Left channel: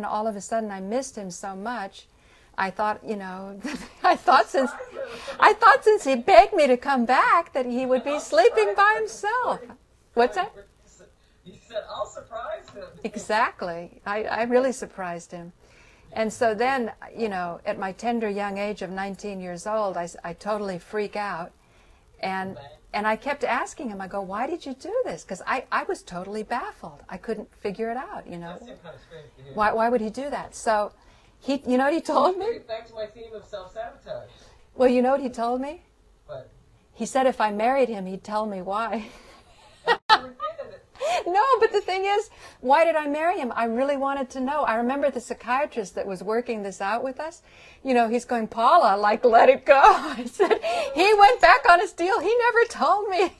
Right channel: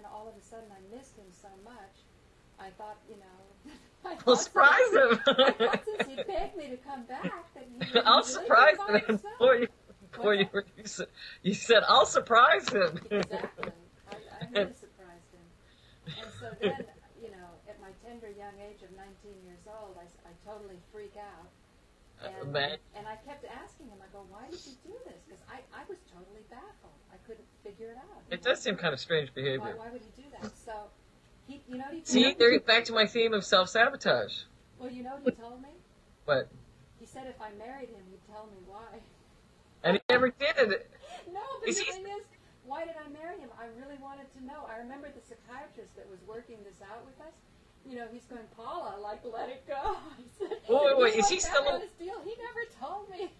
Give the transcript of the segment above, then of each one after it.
And all of a sudden I missed him so much. I thought, you know, I thought since he begged me to come back that he would be sleeping by himself. What's that? You said, I'll surprise him. Exactly. I really surprised him. And so then, you know, at my tender young age of 19 years old, I totally freak out. And I kept asking him, I go, why did you do this? Because I was totally baffled. I couldn't figure it out. It does seem kind of strange behavior. Why would he do that? So, you know what he told me? Back to my theme of self-sabotage. Well, you know what he told me? What? He said if I married him, he'd tell me why. And he never did. No, but the thing is, why did I marry him? I really wanted to know. I remember the psychiatrist that was working this out with us. You know, he's going, Paula, like, let it go. I said, he went back on his deal. He never told me.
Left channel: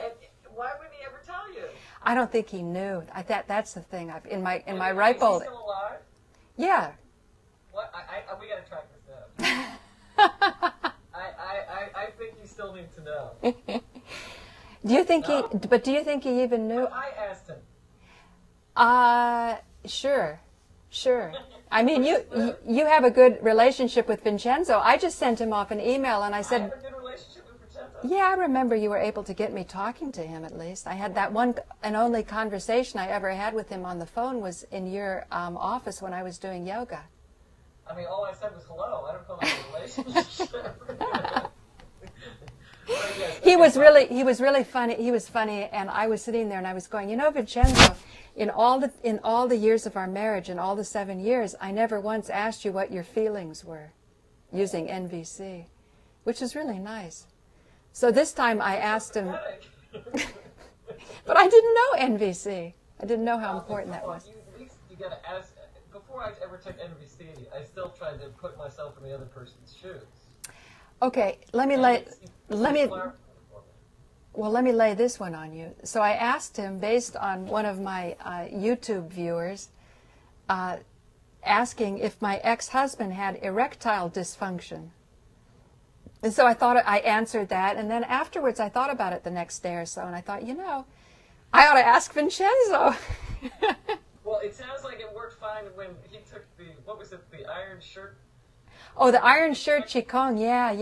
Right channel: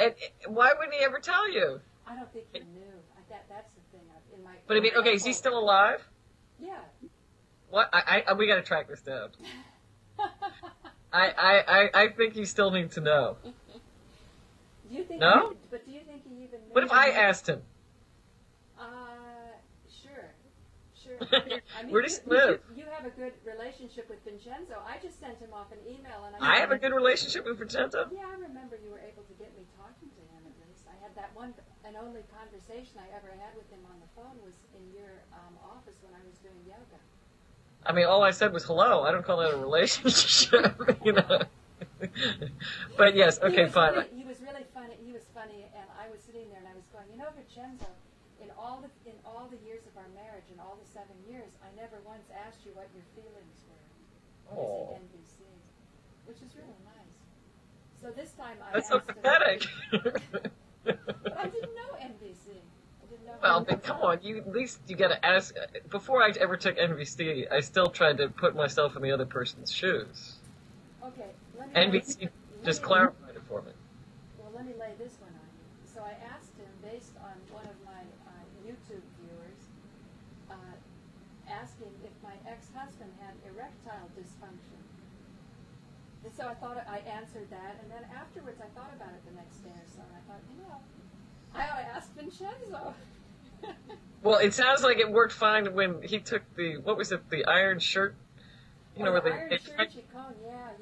And why wouldn't he ever tell you? I don't think he knew. That's the thing. In my okay, ripe is he still alive? Yeah. What? We got to track this down. I think you still need to know. Do you think? No? But do you think he even knew? What if I asked him? Sure. I mean, you have a good relationship with Vincenzo. I just sent him off an email, and I said, I have a good relationship with Vincenzo? Yeah, I remember you were able to get me talking to him at least. I had that one and only conversation I ever had with him on the phone was in your office when I was doing yoga. I mean, all I said was hello. I don't call that a relationship. You know? But yes, okay, he was really funny. He was funny, and I was sitting there and I was going, you know, Vincenzo, in all the years of our marriage, in all the 7 years, I never once asked you what your feelings were using NVC, which is really nice. So this time I asked him. But I didn't know NVC. I didn't know how important come that on, was. at least you got to ask. Before I ever took NVC, I still tried to put myself in the other person's shoes. Okay, let me clarified it for me. Well, let me lay this one on you. So I asked him, based on one of my YouTube viewers, asking if my ex-husband had erectile dysfunction. And so I answered that, and then afterwards I thought about it the next day or so, and I thought, you know, I ought to ask Vincenzo. Well, it sounds like it worked fine when he took what was it, the iron shirt? Oh, the iron shirt Qigong, yeah.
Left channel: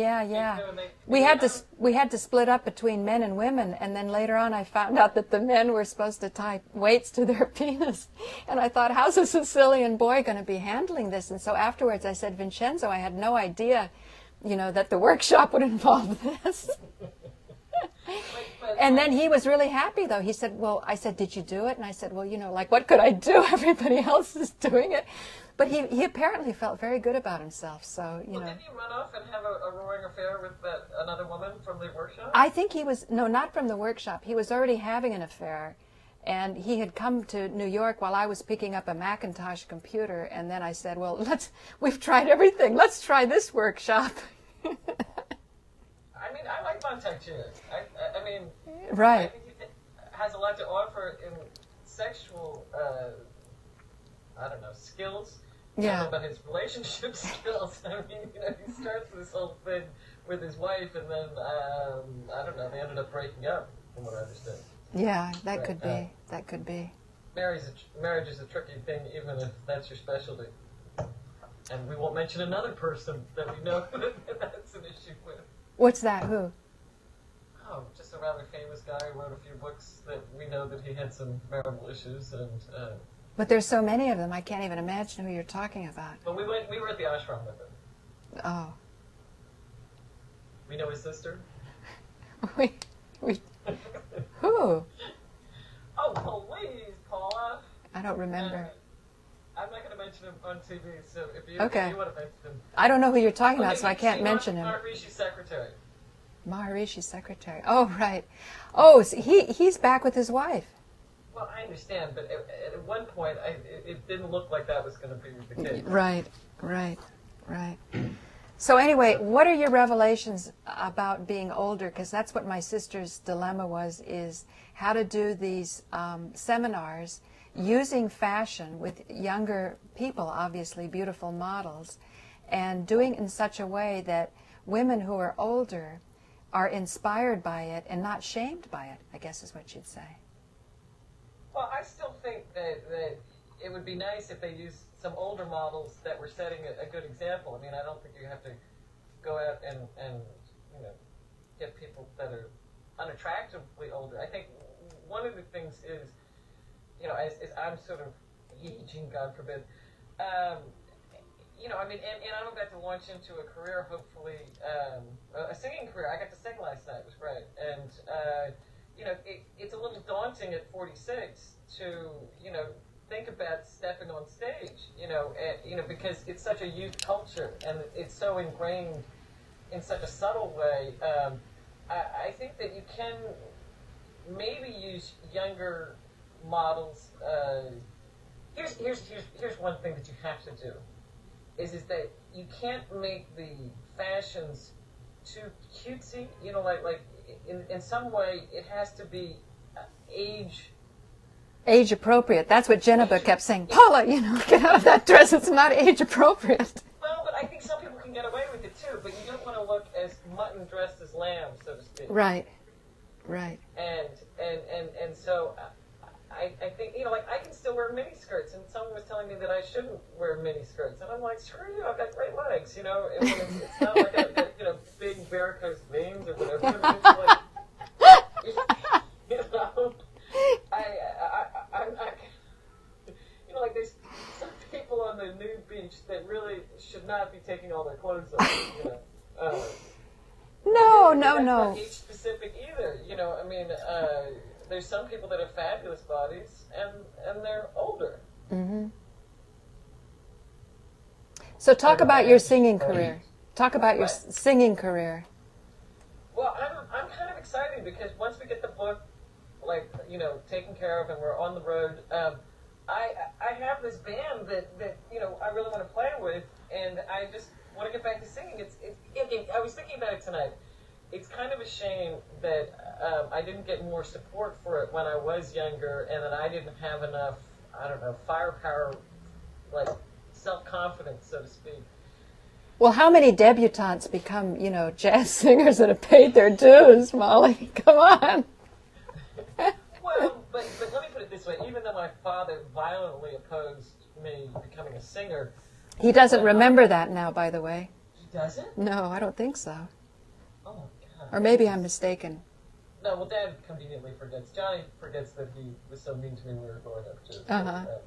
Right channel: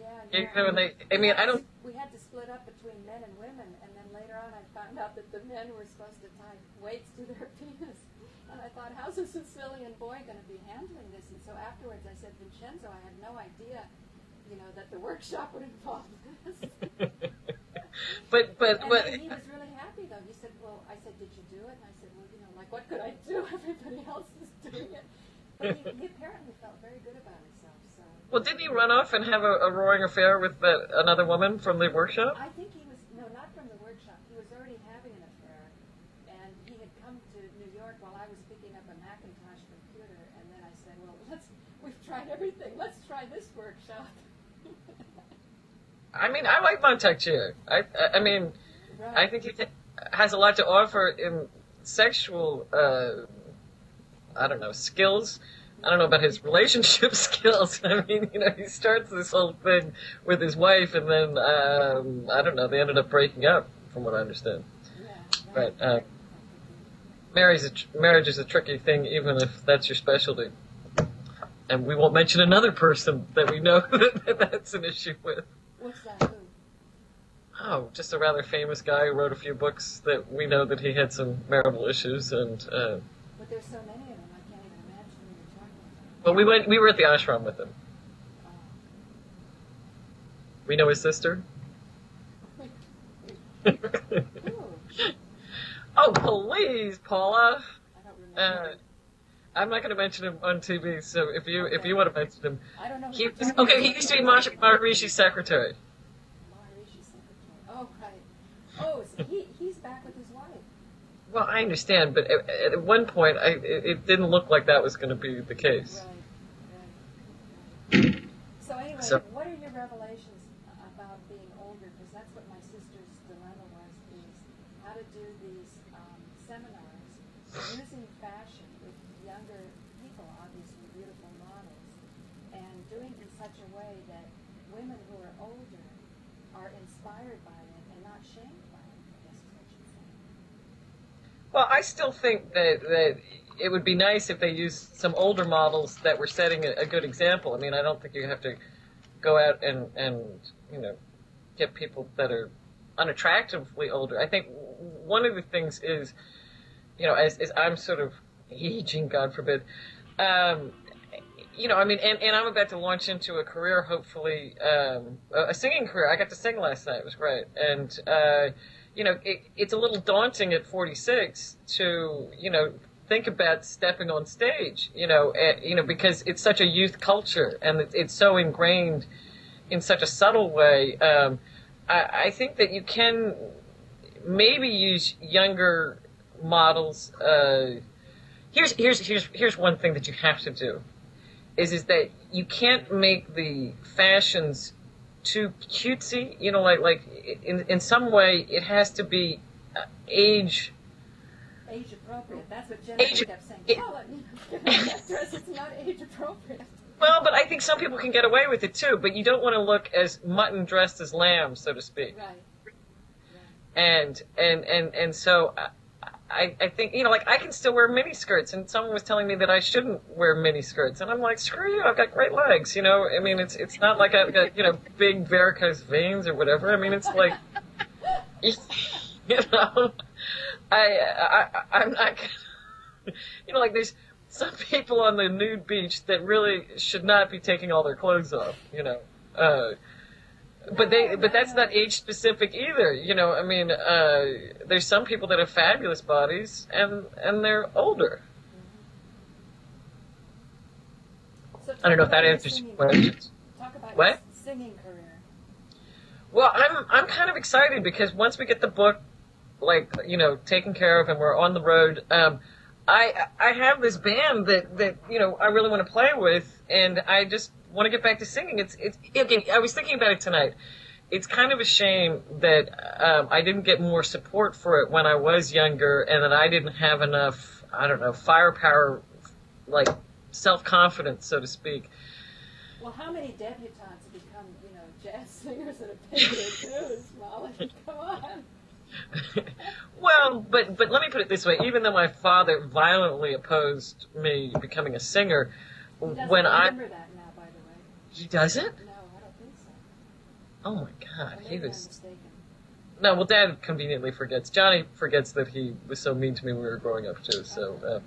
We had to split up between men and women, and then later on I found out that the men were supposed to tie weights to their penis. And I thought, how's a Sicilian boy going to be handling this? And so afterwards I said, Vincenzo, I had no idea, you know, that the workshop would involve this. And then he was really happy, though. He said, well, I said, did you do it? And I said, well, you know, like, what could I do? Everybody else is doing it. But he apparently felt very good about himself. So, you know. Didn't he run off and have a roaring affair with another woman from the workshop? I think he was, no, not from the workshop. He was already having an affair. And he had come to New York while I was picking up a Macintosh computer. And then I said, well, we've tried everything. Let's try this workshop. I mean, I like Montague. I mean, right. I think he has a lot to offer in sexual, I don't know, skills. Yeah. I don't know about his relationship skills. I mean, you know, he starts this whole thing with his wife, and then, I don't know, they ended up breaking up, from what I understand. Yeah, that could be. That could be. Marriage is a tricky thing, even if that's your specialty. And we won't mention another person that we know that's an issue with. What's that? Who? Oh, just a rather famous guy who wrote a few books that we know that he had some marital issues and. But there's so many of them, I can't even imagine who you're talking about. Well, we were at the ashram with him. Oh. We know his sister. Who? Oh, please, Paula. I don't remember. I'm not going to mention him on TV, so if you want to mention him. I don't know who you're talking about, so I can't mention him. Maharishi's secretary. Maharishi's secretary. Oh, right. Oh, so he's back with his wife. Well, I understand, but at one point, it didn't look like that was going to be the case. Right. So anyway, what are your revelations about being older? Because that's what my sister's dilemma was, is how to do these seminars using fashion with younger people, obviously beautiful models, and doing in such a way that women who are older are inspired by it and not shamed by it, I guess is what you'd say. Well, I still think that it would be nice if they used some older models that were setting a good example. I mean, I don't think you have to go out and you know, get people that are unattractively older. I think one of the things is, you know, as I'm sort of aging, God forbid, you know, I mean, and I'm about to launch into a career, hopefully, a singing career. I got to sing last night. It was great. And, you know, it's a little daunting at 46 to, you know, think about stepping on stage, you know, because it's such a youth culture and it's so ingrained in such a subtle way. I think that you can maybe use younger models. Here's one thing that you have to do is that you can't make the fashions too cutesy. You know, like in some way it has to be age appropriate. That's what Jennifer kept saying. Paula, you know, get out of that dress. It's not age appropriate. Well, but I think some people can get away with it too. But you don't want to look as mutton dressed as lamb, so to speak. Right. Right. And so I think, you know, like I can still wear mini skirts, and someone was telling me that I shouldn't wear mini skirts, and I'm like, screw you, I've got great legs, you know. I mean, it's not like I've got, you know, big varicose veins or whatever. I mean, it's like, you know, I'm not, you know, like there's some people on the nude beach that really should not be taking all their clothes off, you know. But that's not age specific either, you know. I mean, there's some people that have fabulous bodies and they're older. Mm-hmm. So talk about your singing career. Talk about your singing career. Well, I'm kind of excited because once we get the book, like, you know, taken care of and we're on the road, I have this band that you know I really want to play with, and I just want to get back to singing. It's again, I was thinking about it tonight. It's kind of a shame that I didn't get more support for it when I was younger, and that I didn't have enough, I don't know, firepower, like self-confidence, so to speak. Well, how many debutantes become, you know, jazz singers that have paid their dues, Molly? Come on. Well, but let me put it this way. Even though my father violently opposed me becoming a singer, he doesn't remember that now, by the way. He doesn't? No, I don't think so. Oh, my God. Or maybe I'm mistaken. No, well, Dad conveniently forgets. Johnny forgets that he was so mean to me when we were growing up, too. So,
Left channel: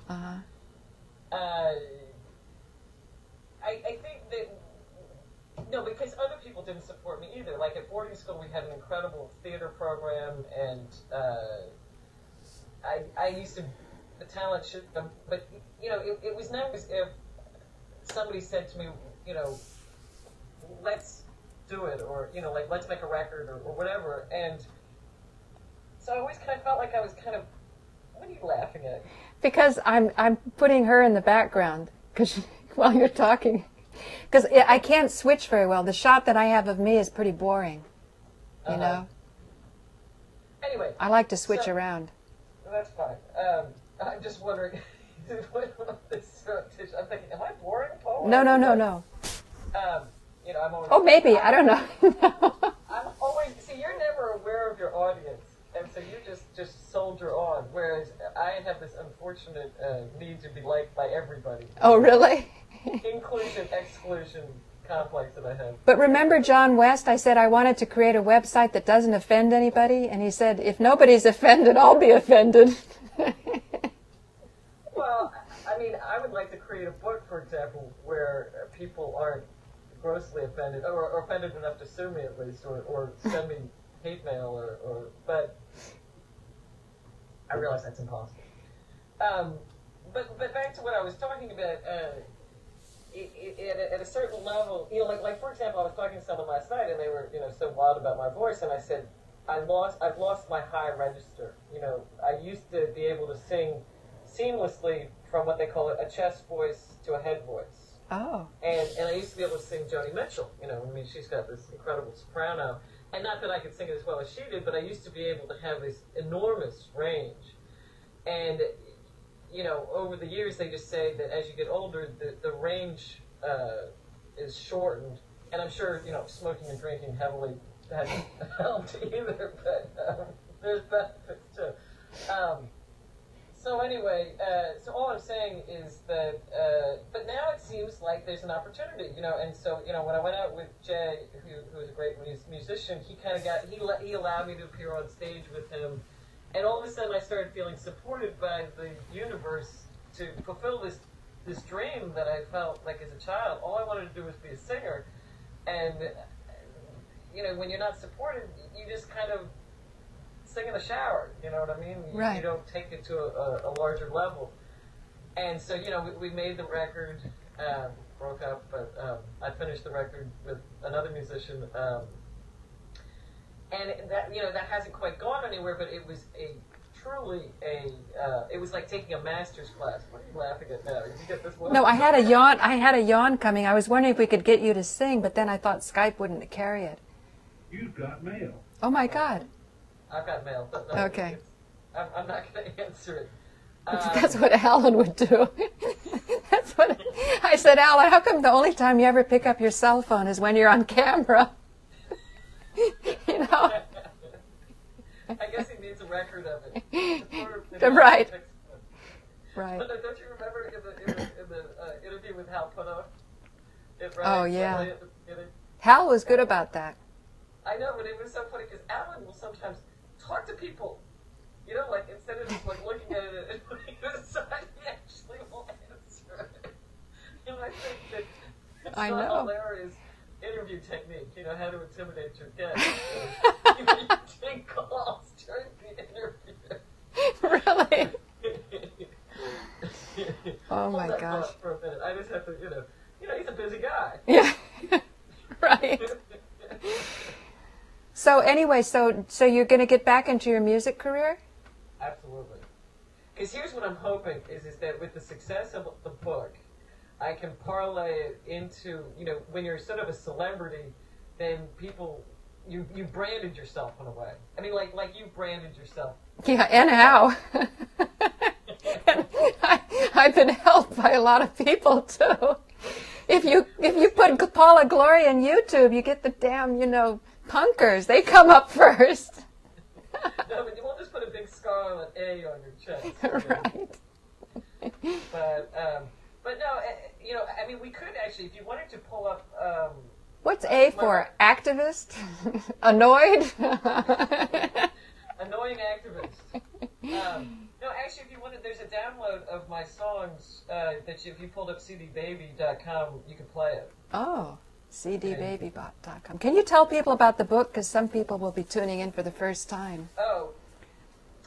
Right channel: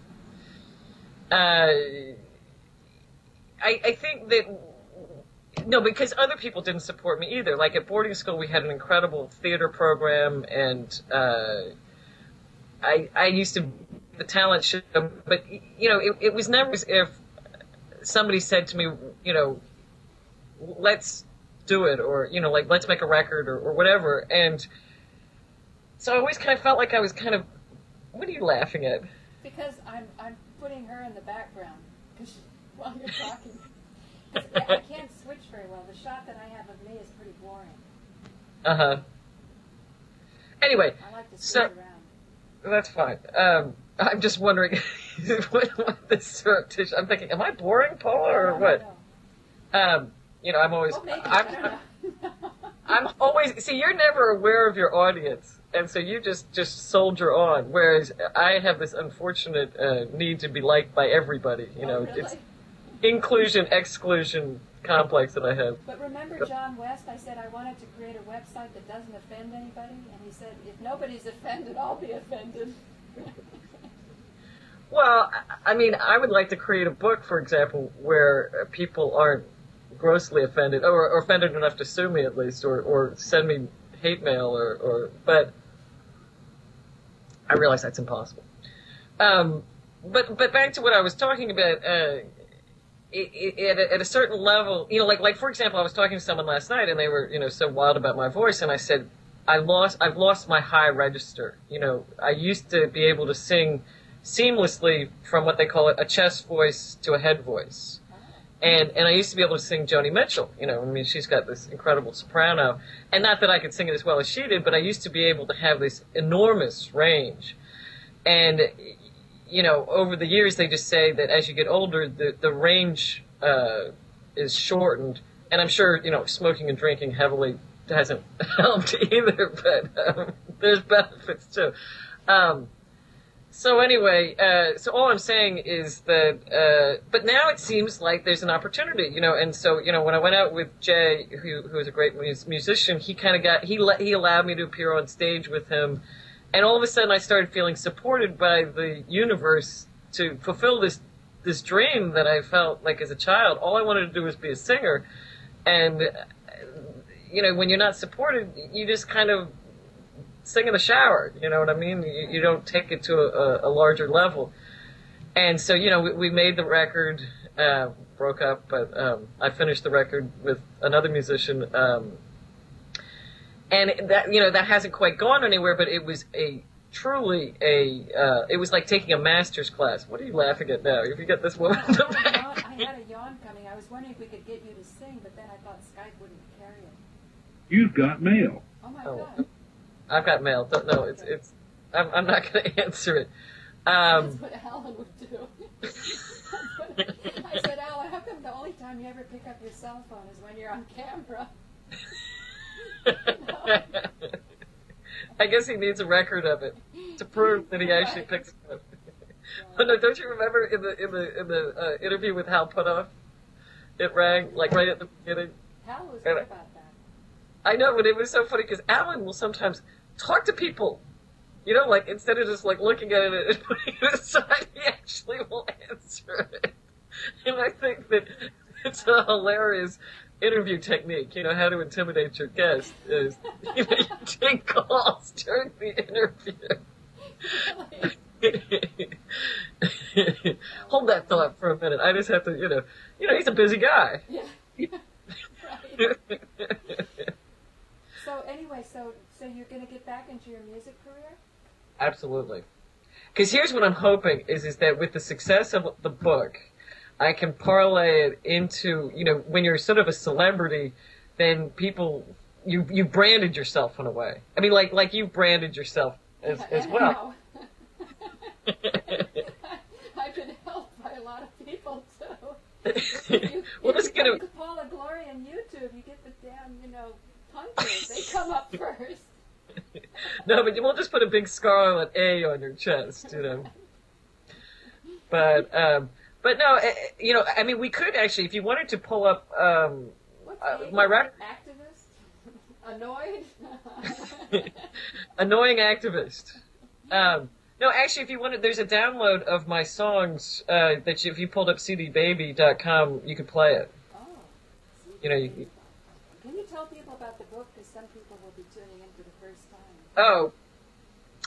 I think that, no, because other people didn't support me either. Like at boarding school, we had an incredible theater program, and I used to the talent show, but you know, it was never as if somebody said to me, you know, let's do it, or you know, like let's make a record or whatever. And so I always kind of felt like I was kind of, what are you laughing at? Because I'm putting her in the background while you're talking. Because I can't switch very well. The shot that I have of me is pretty boring. You know? Anyway. I like to switch around. That's fine. I'm just wondering what this surreptitious. I'm thinking, am I boring, Paula? No. You know, I'm always. Oh, maybe. I don't know. I'm always. See, you're never aware of your audience, and so you just soldier on. Whereas I have this unfortunate need to be liked by everybody. Oh, really? Inclusion, exclusion complex that I have. But remember John West? I said I wanted to create a website that doesn't offend anybody, and he said, if nobody's offended, I'll be offended. Well, I mean, I would like to create a book, for example, where people aren't grossly offended, or offended enough to sue me at least, or send me hate mail, but I realize that's impossible. But back to what I was talking about, at a certain level, you know, like for example, I was talking to someone last night, and they were, you know, so wild about my voice, and I said, I've lost my high register. You know, I used to be able to sing seamlessly from what they call a chest voice to a head voice. Oh. And I used to be able to sing Joni Mitchell. You know, I mean, she's got this incredible soprano, and not that I could sing it as well as she did, but I used to be able to have this enormous range. And you know, over the years, they just say that as you get older, the range is shortened. And I'm sure, you know, smoking and drinking heavily hasn't helped either, but there's benefits too. So anyway, so all I'm saying is that, but now it seems like there's an opportunity, you know, and so, you know, when I went out with Jay, who is a great musician, he kind of he allowed me to appear on stage with him, and all of a sudden I started feeling supported by the universe to fulfill this dream that I felt like as a child. All I wanted to do was be a singer, and, you know, when you're not supported, you just kind of sing in the shower, you know what I mean? Right. You don't take it to a larger level. And so, you know, we made the record, broke up, but I finished the record with another musician. And that, you know, that hasn't quite gone anywhere, but it was it was like taking a master's class. What are you laughing at now? Have you got this woman? No, I had a yawn coming. I was wondering if we could get you to sing, but then I thought Skype wouldn't carry it. You've got mail. Oh my God. I've got mail. Don't know. Okay. I'm not going to answer it. That's what Alan would do. That's what I said, Alan, how come the only time you ever pick up your cell phone is when you're on camera? You know? I guess he needs a record of it to prove that he Right. actually picks it up. Right. But no, don't you remember in the interview with Hal Puthoff? It rang Oh, yeah. like right at the beginning. Hal was good about that. I know, but it was so funny because Alan will sometimes talk to people, you know, like instead of just like looking at it and putting it aside, he actually will answer it. And I think that it's a hilarious interview technique, you know, how to intimidate your guest is you take calls during the interview. Really? Oh, Hold that thought for a minute. I just have to, you know, he's a busy guy. Yeah. Right. So anyway, so you're going to get back into your music career? Absolutely. Because here's what I'm hoping is that with the success of the book, I can parlay it into, you know, when you're sort of a celebrity, then people, you branded yourself in a way. I mean, like you branded yourself. Yeah, and how? I've been helped by a lot of people too. If you put Paula Gloria on YouTube, you get the damn, you know, punkers. They come up first. No, but we'll just put a big scarlet A on your chest. You know? Right. But no, you know, I mean, we could actually, if you wanted to pull up. What's A for? Activist? Annoyed? Annoying activist. No, actually, if you wanted, there's a download of my songs that if you pulled up cdbaby.com, you could play it. Oh, cdbaby.com. Can you tell people about the book? Because some people will be tuning in for the first time. Oh,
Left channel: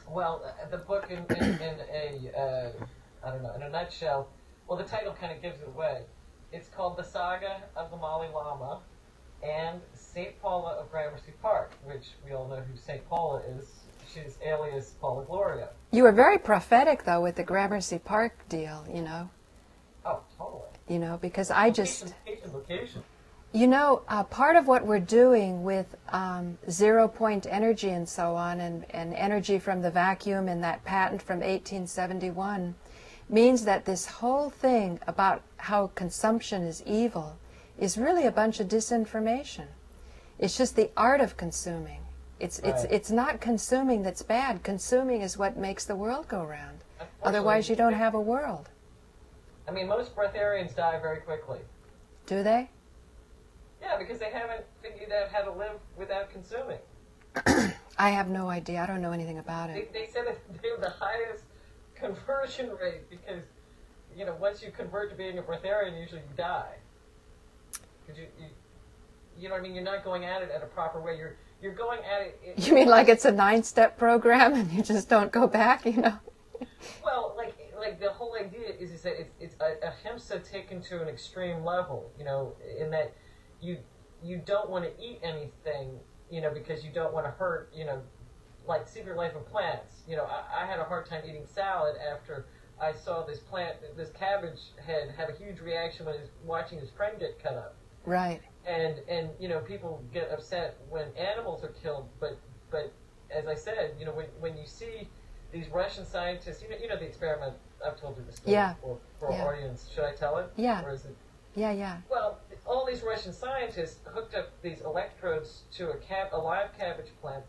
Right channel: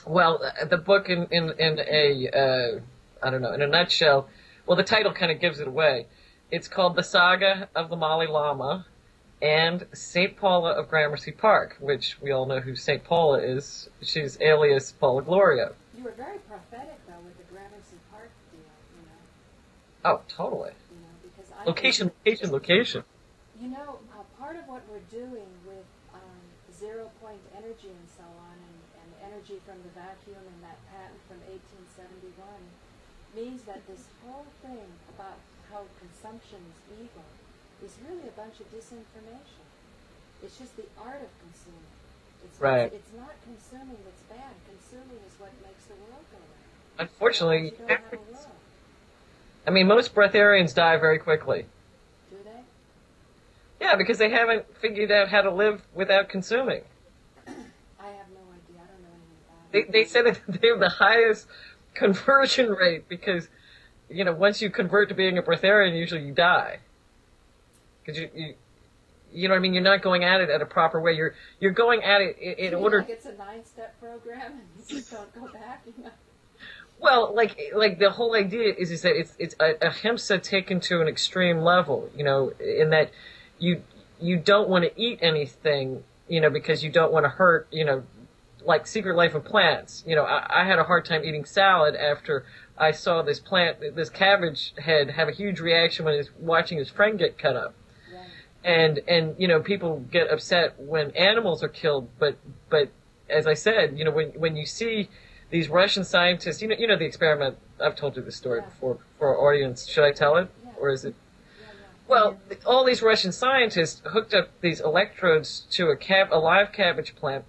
well, the book in a, I don't know, in a nutshell, well, the title kind of gives it away. It's called The Saga of the Malay Lama and St. Paula of Gramercy Park, which we all know who St. Paula is. She's alias Paula Gloria. You were very prophetic, though, with the Gramercy Park deal, you know. Oh, totally. You know, because Location. You know, part of what we're doing with zero-point energy and so on, and energy from the vacuum and that patent from 1871, means that this whole thing about how consumption is evil is really a bunch of disinformation. It's just the art of consuming. It's not consuming that's bad. Consuming is what makes the world go round. Unfortunately, otherwise you don't have a world. I mean, most breatharians die very quickly. Do they? Yeah, because they haven't figured out how to live without consuming. I have no idea. I don't know anything about it. They said that they have the highest conversion rate because, you know, once you convert to being a breatharian, usually you die. Because you know what I mean? You're not going at it at a proper way. You're going at it. You mean like it's a 9-step program and you just don't go back, you know? Well, like the whole idea is that it's a ahimsa taken to an extreme level, you know, in that you don't want to eat anything, you know, because you don't want to hurt, you know, like Secret Life of Plants. You know, I had a hard time eating salad after I saw this cabbage head have a huge reaction when he's watching his friend get cut up. Right. And you know, people get upset when animals are killed, but as I said, you know, when you see these Russian scientists, you know the experiment, I've told you the story for our audience. Should I tell it? Yeah. Or is it? Yeah. Well, all these Russian scientists hooked up these electrodes to a live cabbage plant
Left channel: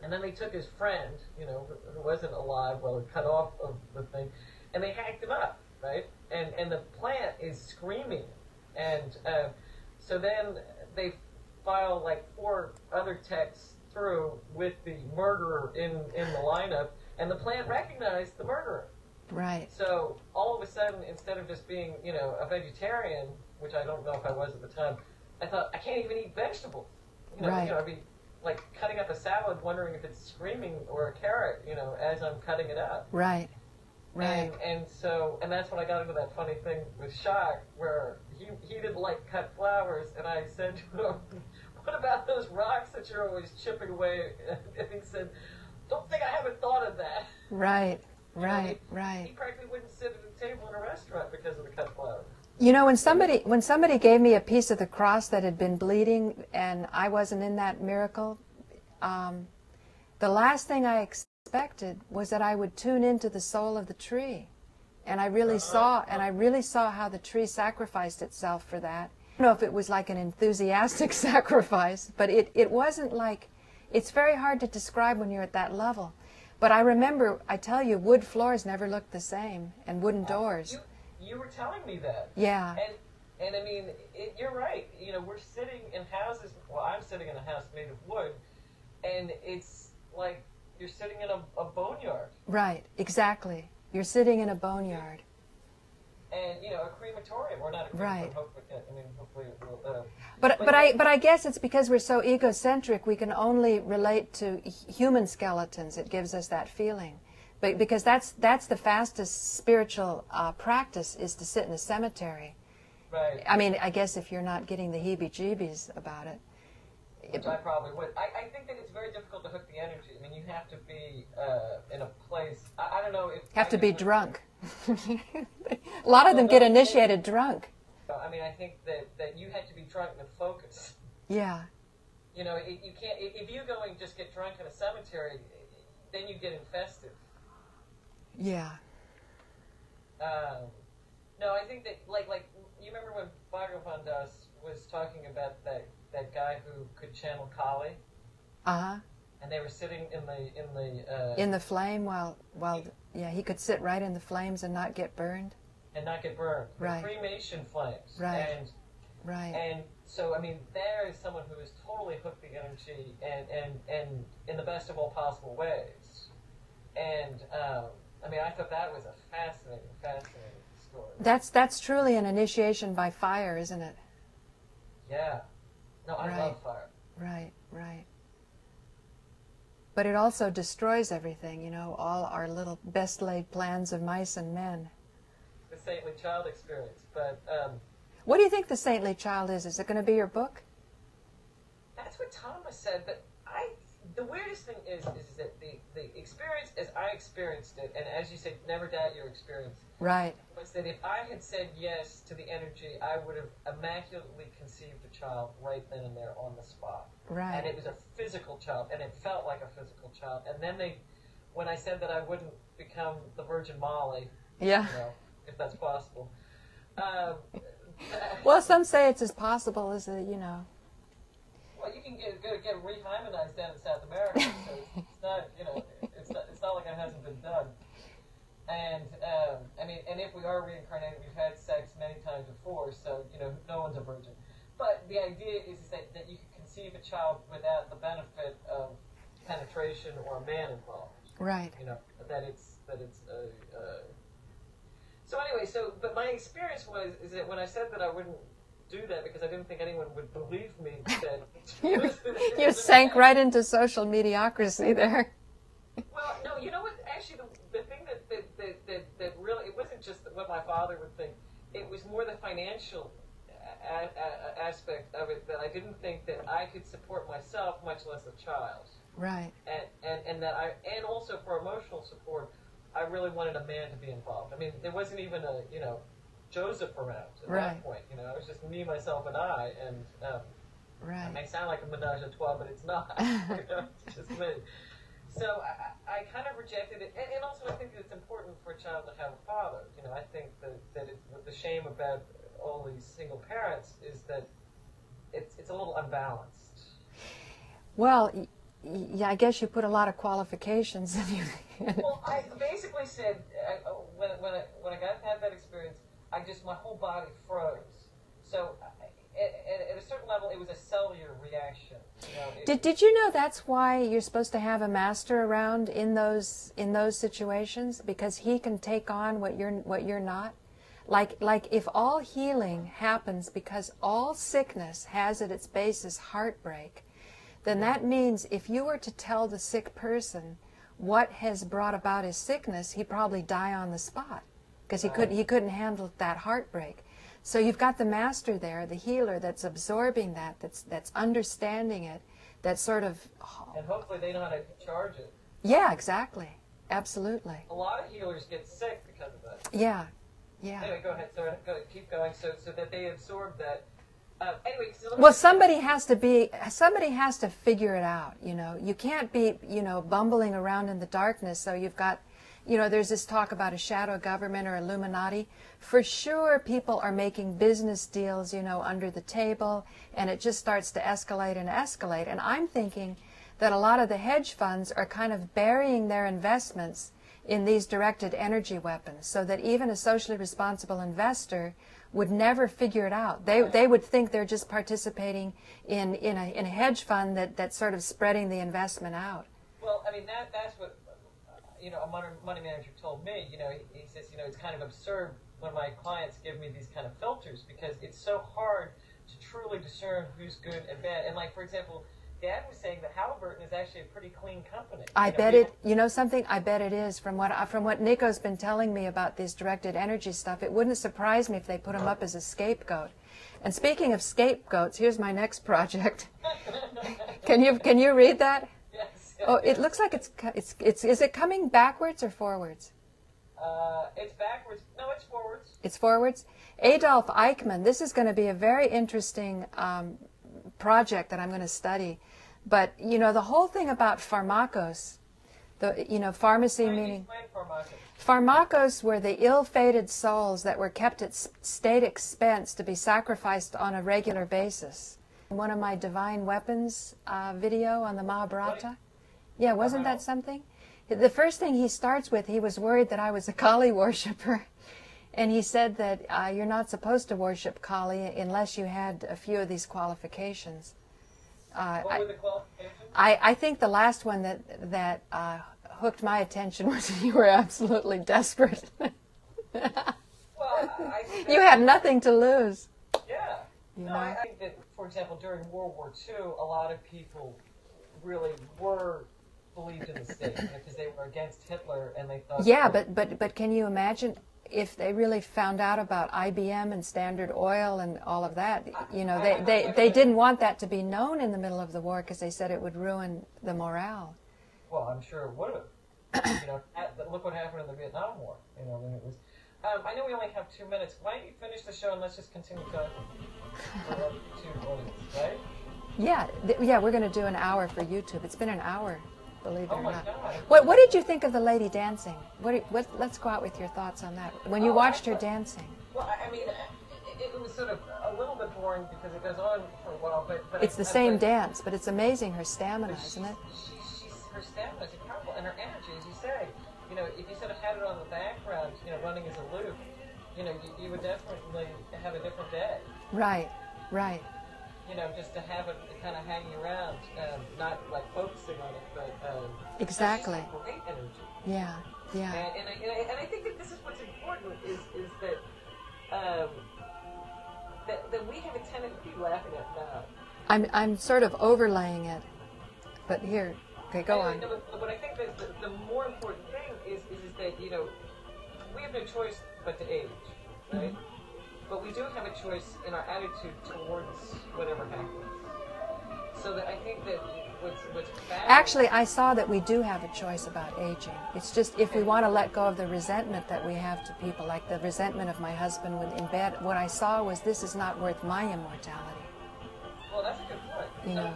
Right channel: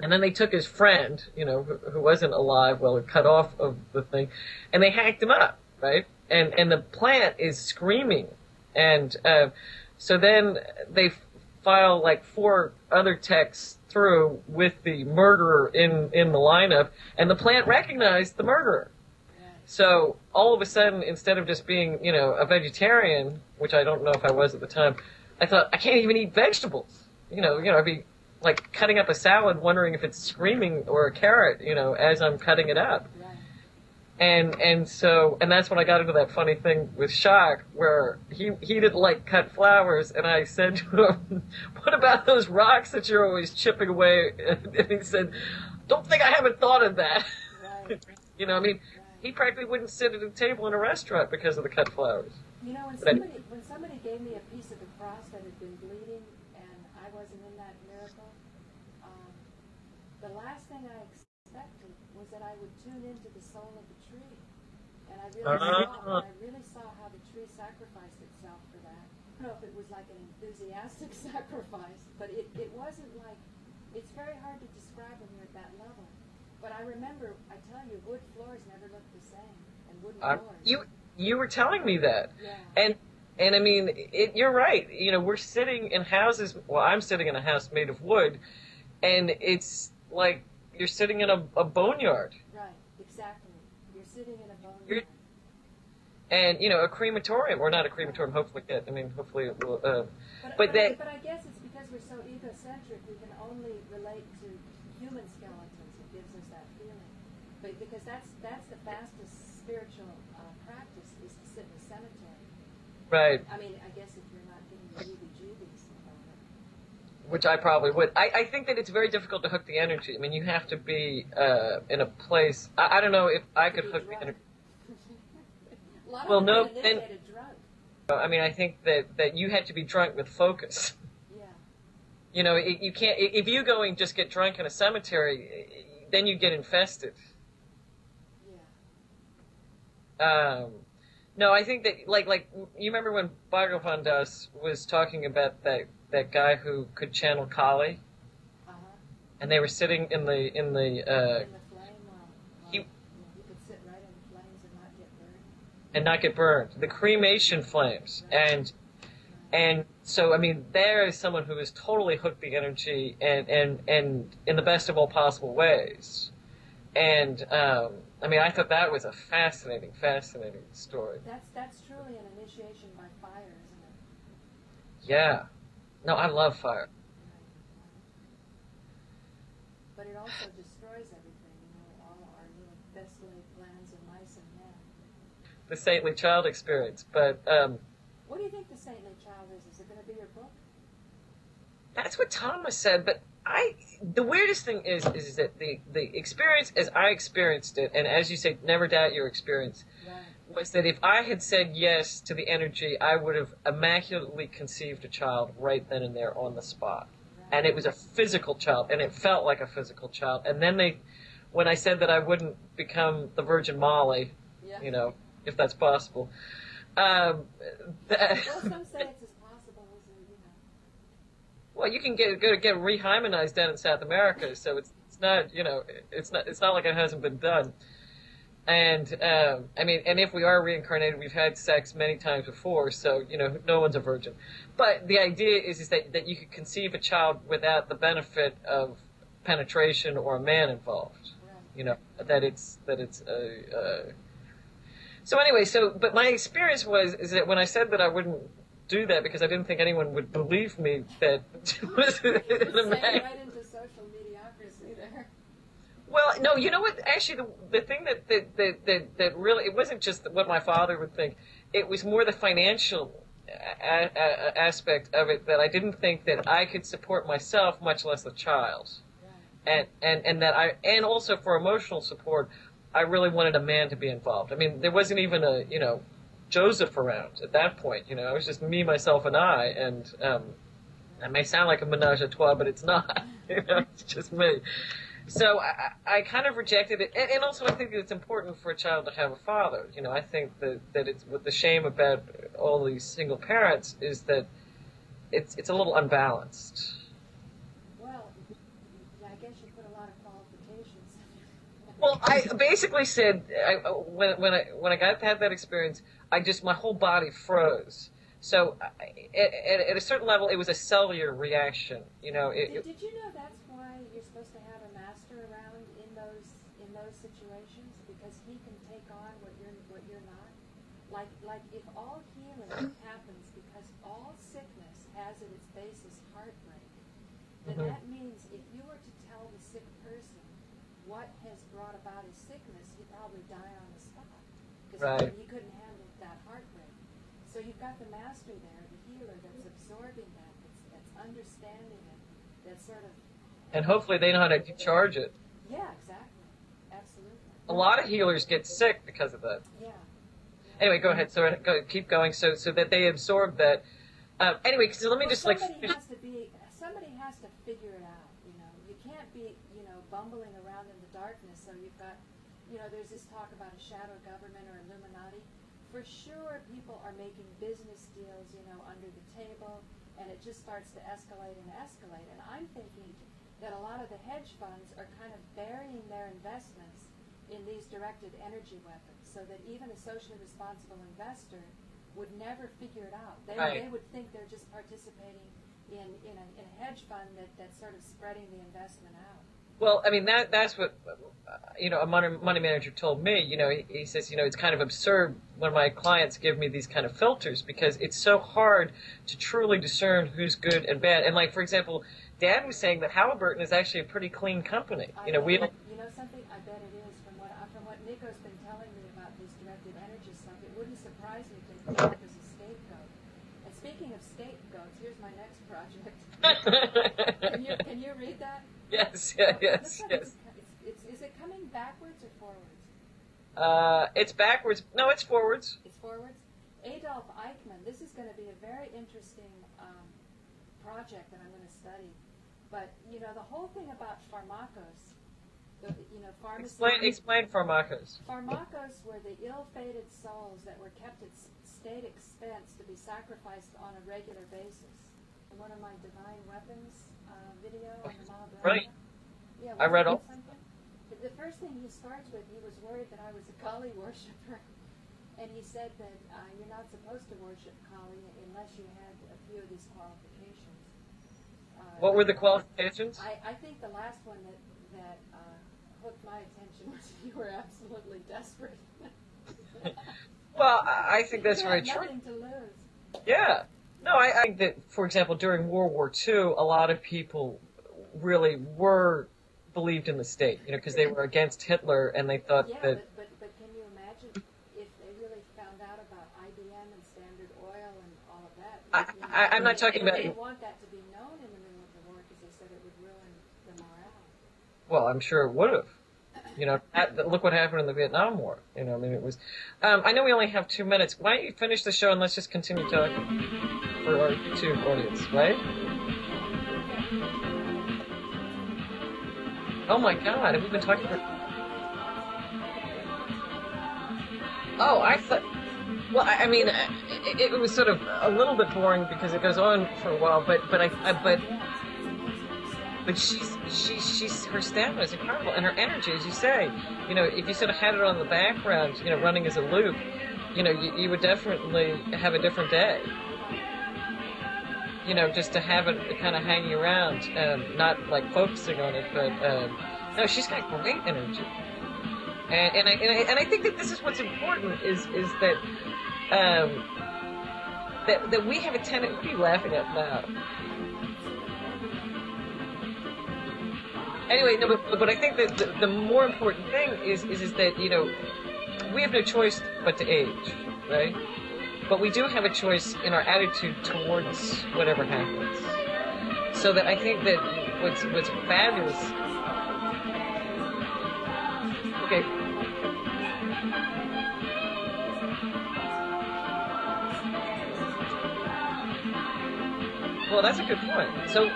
And then they took his friend, you know, who wasn't alive, well, cut off of the thing, and they hacked him up, right? And the plant is screaming. And so then they file like 4 other techs through with the murderer in the lineup, and the plant recognized the murderer. Right. So all of a sudden, instead of just being, you know, a vegetarian, which I don't know if I was at the time, I thought, I can't even eat vegetables. You know, Right. I'd be like cutting up a salad, wondering if it's screaming or a carrot, you know, as I'm cutting it up. Right. And that's when I got into that funny thing with Shock, where he didn't like cut flowers, and I said to him, "What about those rocks that you're always chipping away?" And he said, "Don't think I haven't thought of that." Right. You know, I mean, right. he practically wouldn't sit at a table in a restaurant because of the cut flowers. You know, when somebody gave me a piece of the cross that had been bleeding, and I wasn't in that miracle, the last thing I expected was that I would tune into the soul of the tree, and I really saw how the tree sacrificed itself for that. I don't know if it was like an enthusiastic sacrifice, but it wasn't like, it's very hard to describe when you're at that level. But I remember, I tell you, wood floors never looked the same, and wooden doors. You were telling me that. Yeah. And I mean, you're right. You know, we're sitting in houses. Well, I'm sitting in a house made of wood, and it's like you're sitting in a boneyard. Right. Exactly. You're sitting in a boneyard. And you know, a crematorium, or not a crematorium. Right. Hopefully, I mean, hopefully it will. But I guess it's because we're so egocentric. We can only relate to human skeletons. It gives us that feeling. But because that's the fastest spiritual practice, is to sit in a cemetery. Right. I mean, I guess if you're not getting the heebie-jeebies about it. Which I probably would. I think that it's very difficult to hook the energy. I mean, you have to be in a place. I don't know if You have to be drunk. A lot of them get initiated drunk. I mean, I think that you had to be drunk with focus. Yeah. You know, you can't. If you go and just get drunk in a cemetery, then you get infested. Yeah. No, I think that like you remember when Bhagavan Das was talking about that guy who could channel Kali. Uh-huh. And they were sitting in the flame while he could sit right in the flames and not get burned. And not get burned. The Right. cremation flames. Right. And so, I mean, there is someone who has totally hooked the energy and in the best of all possible ways. And, I mean, I thought that was a fascinating story. That's truly an initiation by fire, isn't it? Yeah. No, I love fire. Right. But it also destroys everything, you know, all our little best laid plans of mice and men. The saintly child experience. But, what do you think the saintly child is? Is it going to be your book? That's what Thomas said, but the weirdest thing is that the experience as I experienced it, and as you say, never doubt your experience, right, was that if I had said yes to the energy, I would have immaculately conceived a child right then and there on the spot. Right. And it was a physical child, and it felt like a physical child. And then when I said that I wouldn't become the Virgin Molly, yeah, you know, if that's possible. Well, some say it's as possible as you know. Well, you can get rehymenized down in South America, so it's not, you know, it's not like it hasn't been done. And I mean, and if we are reincarnated, we've had sex many times before, so you know, no one's a virgin. But the idea is that you could conceive a child without the benefit of penetration or a man involved. Right. You know, that it's So anyway, but my experience is that when I said that I wouldn't do that because I didn't think anyone would believe me, that you sank right into social mediocrity there. Well, no, you know what? Actually, the thing that really, it wasn't just what my father would think. It was more the financial aspect of it, that I didn't think that I could support myself, much less a child. Right. And also for emotional support, I really wanted a man to be involved. I mean, there wasn't even a, you know, Joseph around at that point. You know, it was just me, myself, and I. And it may sound like a menage a trois, but it's not. You know, it's just me. So I kind of rejected it. And also I think that it's important for a child to have a father. You know, I think that it's what the shame about all these single parents is that it's a little unbalanced. Well, yeah, I guess you put a lot of qualifications in you. Well, I basically said when I had that experience, my whole body froze. So at a certain level, it was a cellular reaction. You know. Did you know that's why you're supposed to have a master around in those situations, because he can take on what you're not? Like if all healing happens because all sickness has at its basis heartbreak, then that means if you were to tell the sick person what has brought about his sickness, he'd probably die on the spot, because he couldn't handle that heartbreak. So you've got the master there, the healer, that's absorbing that's understanding it, that's sort of... And hopefully they know how to discharge it. Yeah, exactly. Absolutely. A lot of healers get sick because of that. Yeah. Yeah. Anyway, go ahead. So keep going. So that they absorb that. Anyway, so let me. Well, just, somebody has to figure it out. You know, you can't be bumbling around in the darkness. So you've got, there's this talk about a shadow government or Illuminati. For sure, people are making business deals, under the table, and it just starts to escalate and escalate. And I'm thinking that a lot of the hedge funds are kind of burying their investments in these directed energy weapons, so that even a socially responsible investor would never figure it out. They would think they're just participating in a hedge fund that's sort of spreading the investment out. Well, I mean that's what a money manager told me. He says it's kind of absurd when my clients give me these kind of filters, because it's so hard to truly discern who's good and bad. And like, for example, Dad was saying that Halliburton is actually a pretty clean company. I bet it. You know something? I bet it is. From what Nico's been telling me about this directed energy stuff, it wouldn't surprise me if they put him up as a scapegoat. And speaking of scapegoats, here's my next project. Can you read that? Yes. Oh, yes, it looks like yes. it's. Is it coming backwards or forwards? It's backwards. No, it's forwards. It's forwards. Adolf Eichmann. This is going to be a very interesting project that I'm going to study. But, the whole thing about pharmakos, pharmacy... Explain pharmakos. Pharmakos were the ill-fated souls that were kept at state expense to be sacrificed on a regular basis. One of my Divine Weapons video on the Mahabharata. Right. Yeah, wasn't that something? The first thing he starts with, he was worried that I was a Kali worshiper. And he said that you're not supposed to worship Kali unless you had a few of these qualifications. What were the qualifications? I think the last one that hooked my attention was you were absolutely desperate. Well, I think that's... You had nothing to lose. Yeah. No, I think that, for example, during World War II, a lot of people really believed in the state, because they were against Hitler and they thought... Yeah, but can you imagine if they really found out about IBM and Standard Oil and all of that? They didn't want that to be known in the middle of the war because they said it would ruin the morale. Well, I'm sure it would have. Look what happened in the Vietnam War. It was... I know we only have 2 minutes. Why don't you finish the show and let's just continue talking for our YouTube audience, right? Yeah, we're going to do an hour for YouTube. It's been an hour. Oh my God! What did you think of the lady dancing? Let's go out with your thoughts on that. When you watched her dancing. Well, I mean, it was sort of a little bit boring because it goes on for a while, but it's the same dance, but it's amazing her stamina. But she's her stamina is incredible, and her energy, as you say, if you sort of had it on the background, running as a loop, you would definitely have a different day. Right. Just to have it kind of hanging around, not like focusing on it, but exactly. No, she's got great energy. Yeah. And I think that this is what's important is that that we have a tendency. What are you laughing at now? I'm sort of overlaying it, but here. Okay, go anyway, on. no, but I think that the more important thing is that we have no choice but to age, right? But we do have a choice in our attitude towards whatever happens. So that I think that what's fabulous... Actually, I saw that we do have a choice about aging. It's just if we want to let go of the resentment that we have to people, like the resentment of my husband in bed, what I saw was this is not worth my immortality. Well, that's a good point. So...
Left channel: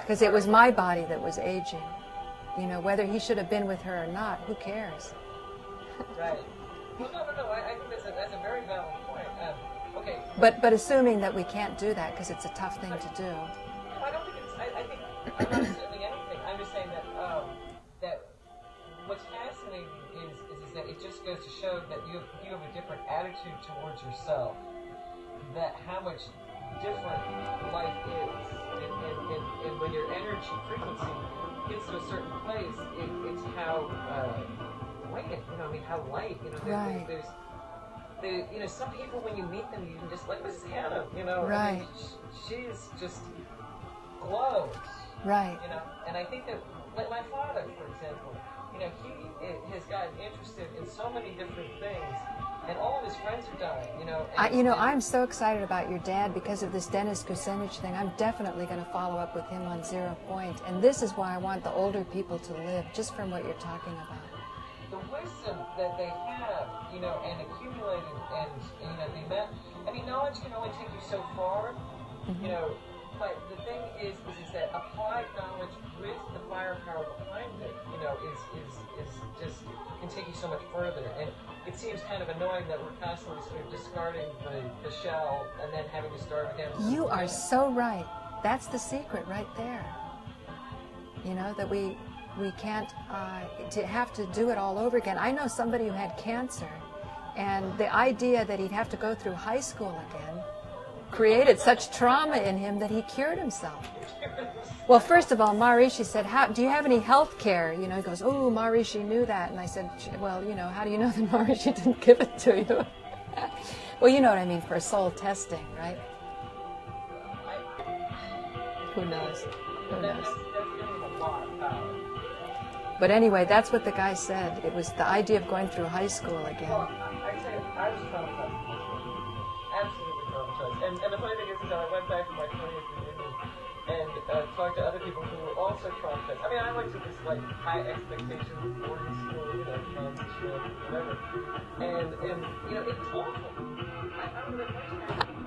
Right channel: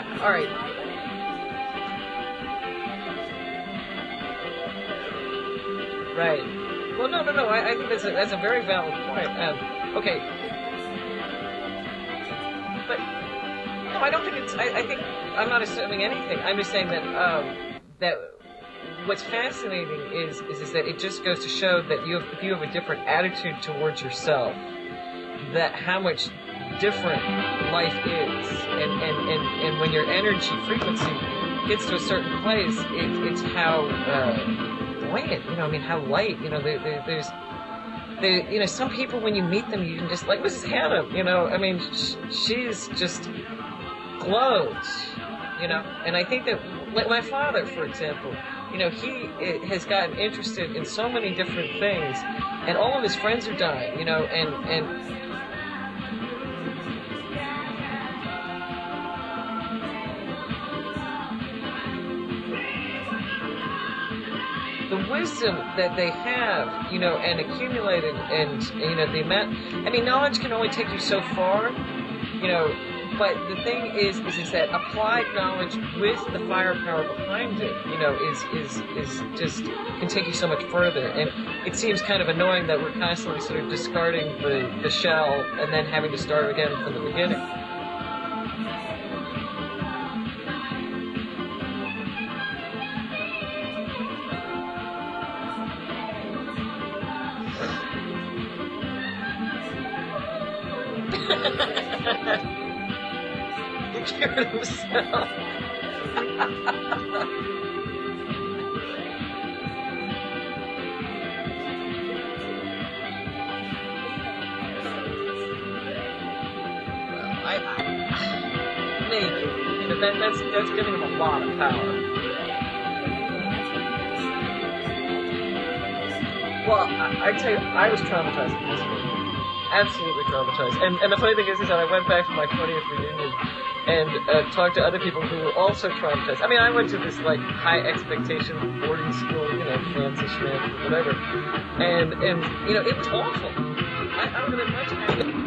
Because it was my body that was aging. Whether he should have been with her or not, who cares? Right. Well, no. I think that's a very valid point. Okay. But assuming that we can't do that because it's a tough thing to do. No, I don't think it's. I think I'm not assuming anything. I'm just saying that that what's fascinating is that it just goes to show that if you have a different attitude towards yourself, that how much different life is, and when your energy frequency gets to a certain place, it's how buoyant, how light, there's some people, when you meet them, you can just, like Mrs. Hannah, she's just glows, right. And I think that, like my father, for example, he has gotten interested in so many different things, and all of his friends are dying, I'm so excited about your dad because of this Dennis Kucinich thing. I'm definitely going to follow up with him on 0 Point, and this is why I want the older people to live, just from what you're talking about. The wisdom that they have, and accumulated, and, the amount, knowledge can only take you so far, but the thing is that applied knowledge with the firepower behind it, is just can take you so much further. And it seems kind of annoying that we're constantly sort of discarding the shell and then having to start again from the beginning. You are so right. That's the secret right there. That we can't to have to do it all over again. I know somebody who had cancer, and the idea that he'd have to go through high school created such trauma in him that he cured himself. He cured himself. Well, first of all, Marisha said, do you have any health care? He goes, oh, Marisha knew that. And I said, well, how do you know that Marisha didn't give it to you? Well, you know what I mean, for soul testing, right? That's giving him a lot of power. But anyway, that's what the guy said. It was the idea of going through high school again. Well, I tell you, I was traumatized in high school. Absolutely traumatized. And the funny thing is that I went back for my 20th reunion and talked to other people who were also traumatized. I went to this, high expectation boarding school, fancy schmancy, whatever. And it was awful. I don't have much happening.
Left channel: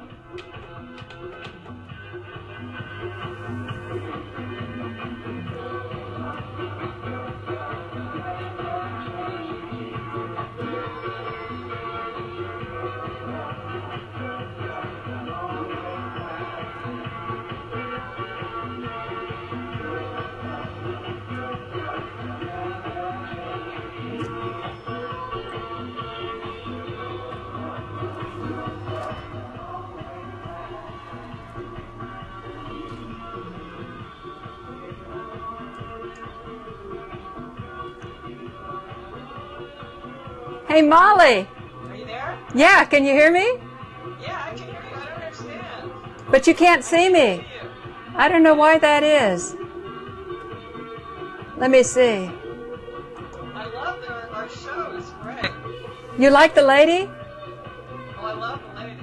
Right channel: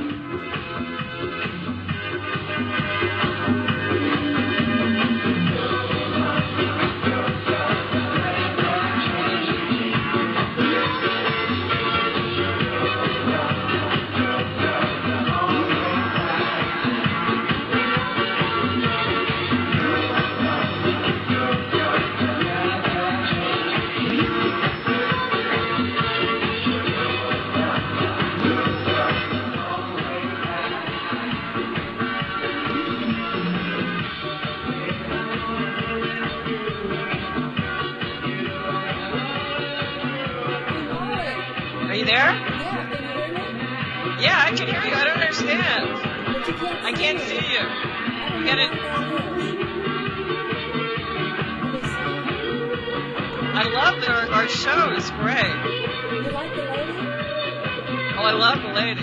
Hey, Molly. Are you there? Yeah, can you hear me? Yeah, I can hear you. I don't understand. But you can't see me. I can't see you. I don't know why that is. Let me see. I love our show. It's great. You like the lady? Oh, I love the lady.